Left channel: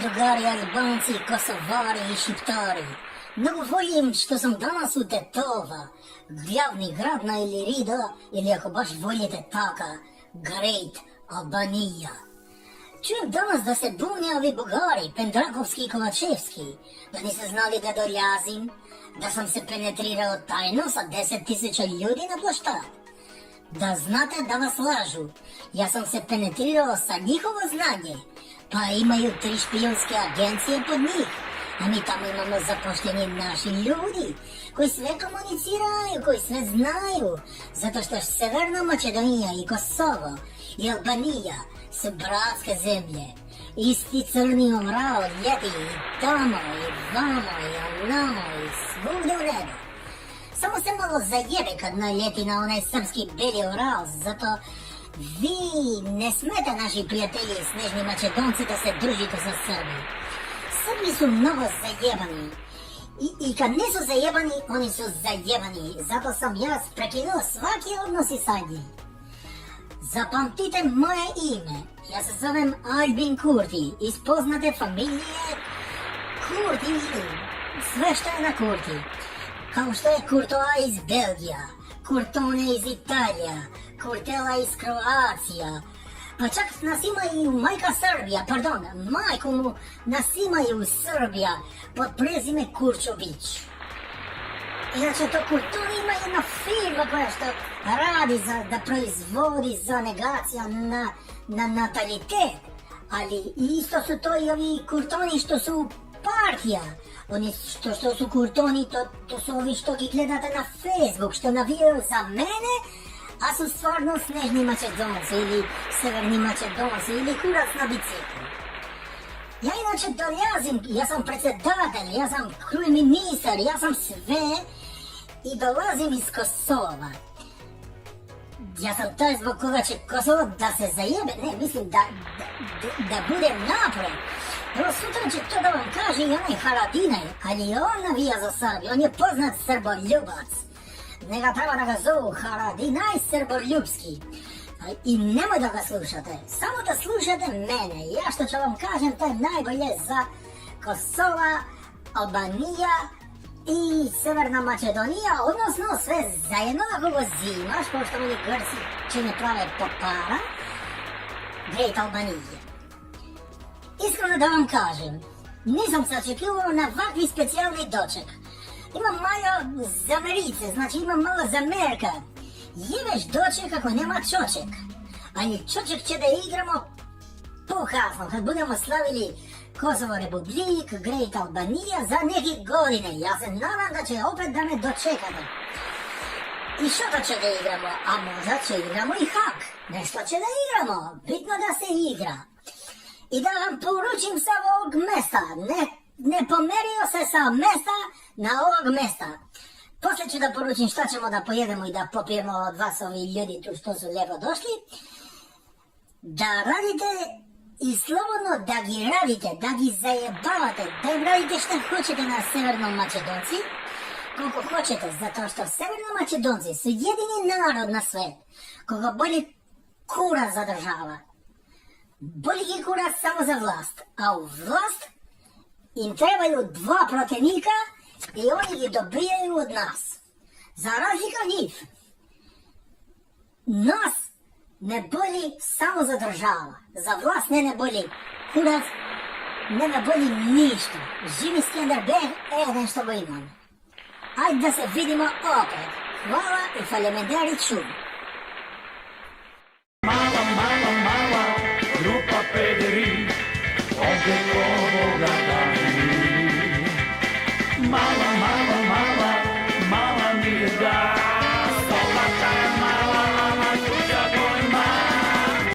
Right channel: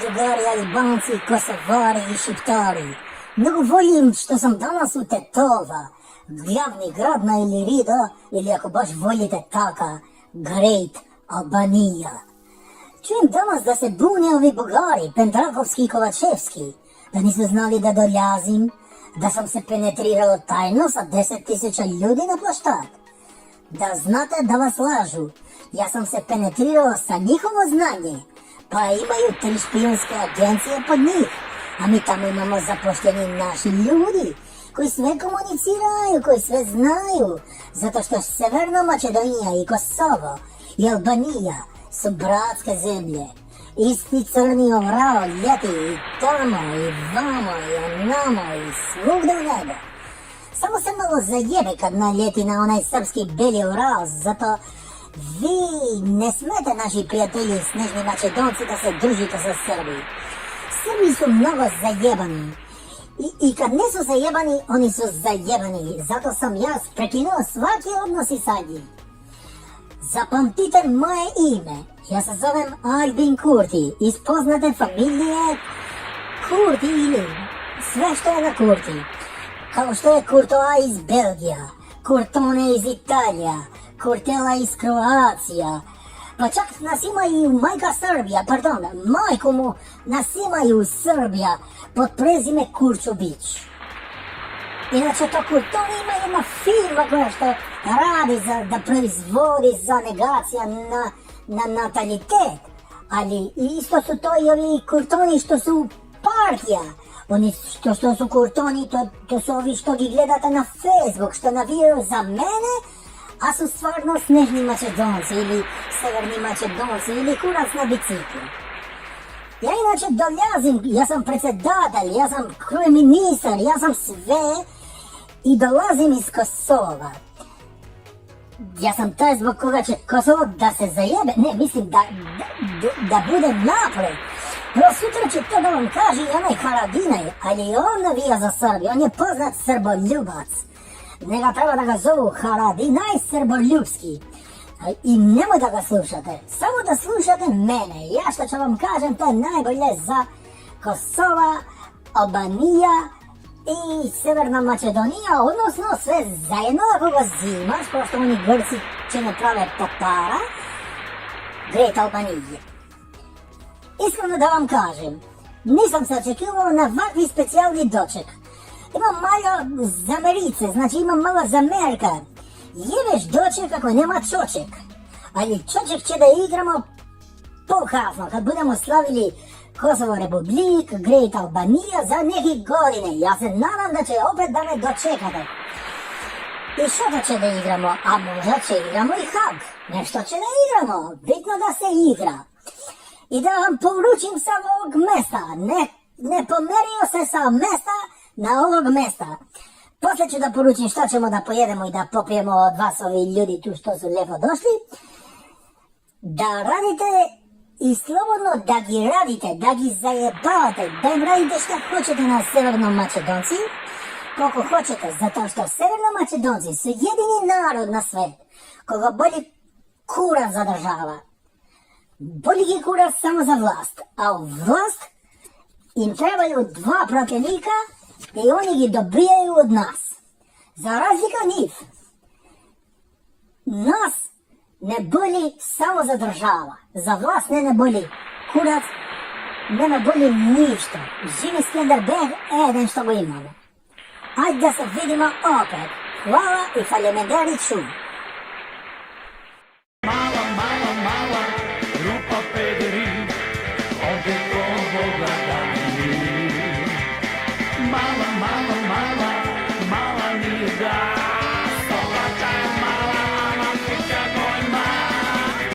Другari, Albanci, Kosovari i Shqiptari. Nuk volim što sam danas u Tetova, glavni grad na Ilirida, ili ako baš volite taka, Great Albanija. Čujem danas da se bune ovi Bugari, Pendrakovski i Kovačevski, da nisu znali da dolazim, da sam se penetrirao tajno sa 10.000 ljudi na plaštat. Da znate da vas lažu, ja sam se penetrirao sa njihovo znanje, pa imaju 3 špijunske agencije pod njih, a mi tamo imamo zapošteni naši ljudi, koji sve komuniciraju, koji sve znaju, zato što Severna Makedonija i Kosovo i Albanija su bratske zemlje. Isti crni ovral ljeti i tamo i vamo i onamo i svugde u nebo. Samo se malo zajebe kad naljeti na onaj srpski beli ovral, zato vi ne smete, naši prijatelji snežni Makedonci, da se družite sa Srbi. Srbi su mnogo zajebani. I kad nisu zajebani, oni su zajebani. Zato sam ja prekinuo svaki odnos i sa njim. Zapamtite moje ime. Ja se zovem Albin Kurti. Iz poznate familije Kurti ili sve što je na Kurti. Kao što je Courtois iz Belgija, Curtone iz Italija, Curtela iz Kroacija, pa čak nas ima i majka Srbija, majku mu nas imaju Srbija pod prezime Kurčubić. Inače to Curtone ima jedna firma koja što radi da proizvodi za negacija na natalitet, ali isto su to i ovi Curtoni što su partija. Oni što su Curtoni, to su ovi što gi gledate na Facebook, što navijaju za mene, a su stvarno snežni Makedonci ili severni Makedonci ili kurac na biciklu. Ja inače dolazim, ja sam predsjedatelj, ja sam ministar, ja sam sve i dolazim iz Kosova. Ja sam taj zbog koga će Kosovo da se zajebe, ne, mislim da bude napred. Evo sutra ću to da vam kaže i onaj Haradinaj, ali on navija za Srbiju, on je poznat srboljubac. Njega treba da ga zovu Haradinaj Srboljubski. I nemoj da ga slušate, samo da slušate mene. Ja što ću vam kažem, to je najbolje za Kosova, Albanija i Severna Makedonija, odnosno sve zajedno ako go zimaš, pošto oni Grci će ne prave popara, Great Albanije. Iskreno da vam kažem, nisam se očekivao na ovakvi specijalni doček. Imam malo zamerice, znači imam malo zamerka. Jebeš doček ako nema čoček. Ali čoček će da igramo pokazno, kad budemo slavili Kosovo Republik, Great Albanija za neke godine. Ja se nadam da će opet da me dočekate. I što će da igramo, a možda će igramo i Hag. Nešto će da igramo, bitno da se igra. I da vam poručim sa ovog mesta, ne pomerio se sa mesta na ovog mesta. Poslije ću da poručim šta ćemo da pojedemo i da popijemo od vas ovi ljudi tu što su lijepo došli. Da radite i slobodno da gi radite, da gi zajebavate, da im radite šta hoćete na Severnom Makedonci, koliko hoćete, zato što Severno Makedonci su jedini narod na svijet koga bolji kura zadržava. Boli gi kurac samo za vlast, a u vlast im trebaju 2 protivnika i oni gi dobijaju od nas. Za razliku od njih, nas ne boli samo za država, za vlast ne boli kurac, ne boli ništa. Živi Skenderbeg, jedan što go imamo. Ajde da se vidimo opet. Hvala i faljemederi ču. Mala, grupa pederi, ovdje ko Boga